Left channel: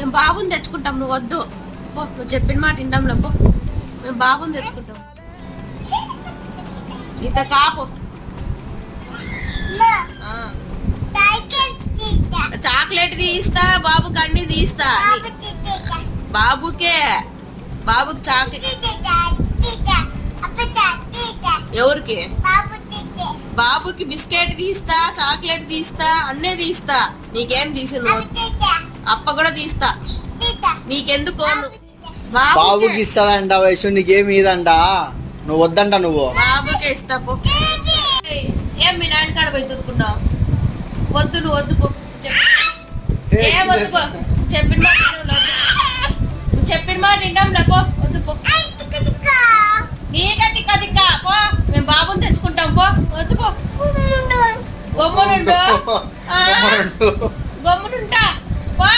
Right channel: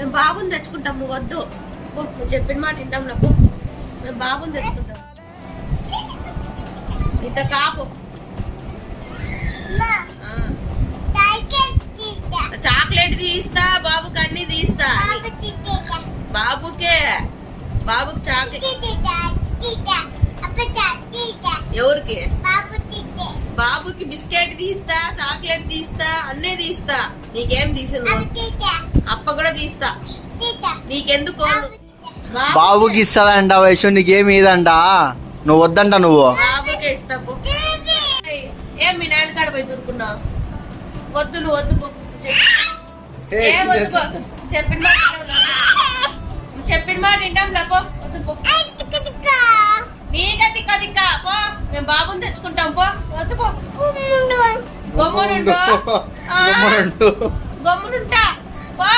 మేము బాబుని తెచ్చుకుంటాం, నువ్వు వద్దు పో, నువ్వు చెప్పిన మాట వింటాం పో, మేము బాబుని తెచ్చుకుంటాం. ఇంత కాపు చాక్లెట్ తీస్తా, బాబుకి అన్ని తీస్తా. బాబుకే, బాబుకి చాక్లెట్. ఎవరికి? బాబుకి బిస్కెట్ తీస్తా, చాక్లెట్ తీస్తా, అన్నీ తీస్తా. నీకేం తీసిన? అప్ప కూడా తీస్తా. నీకెందుకు? బాబుకి ఇస్తాదంట వయసు, నీకేమి ఇదంట, నువ్వు వద్దంట. నువ్వు బాబుకే ఇస్తా పో. ఏం మీ నాన్న కాడ పోయి దొరుకున్నావు? వద్దు, నువ్వు వద్దు పో. ఏం వద్దు పో, చెప్పిన మాట వింటాం లేపో, వద్దు పో. నీక తిక్క తిక్క పో, మేము బాబుని తెచ్చుకుంటాం పో, వద్దు పో. గమ్మునుండు, గమ్మునుంటా.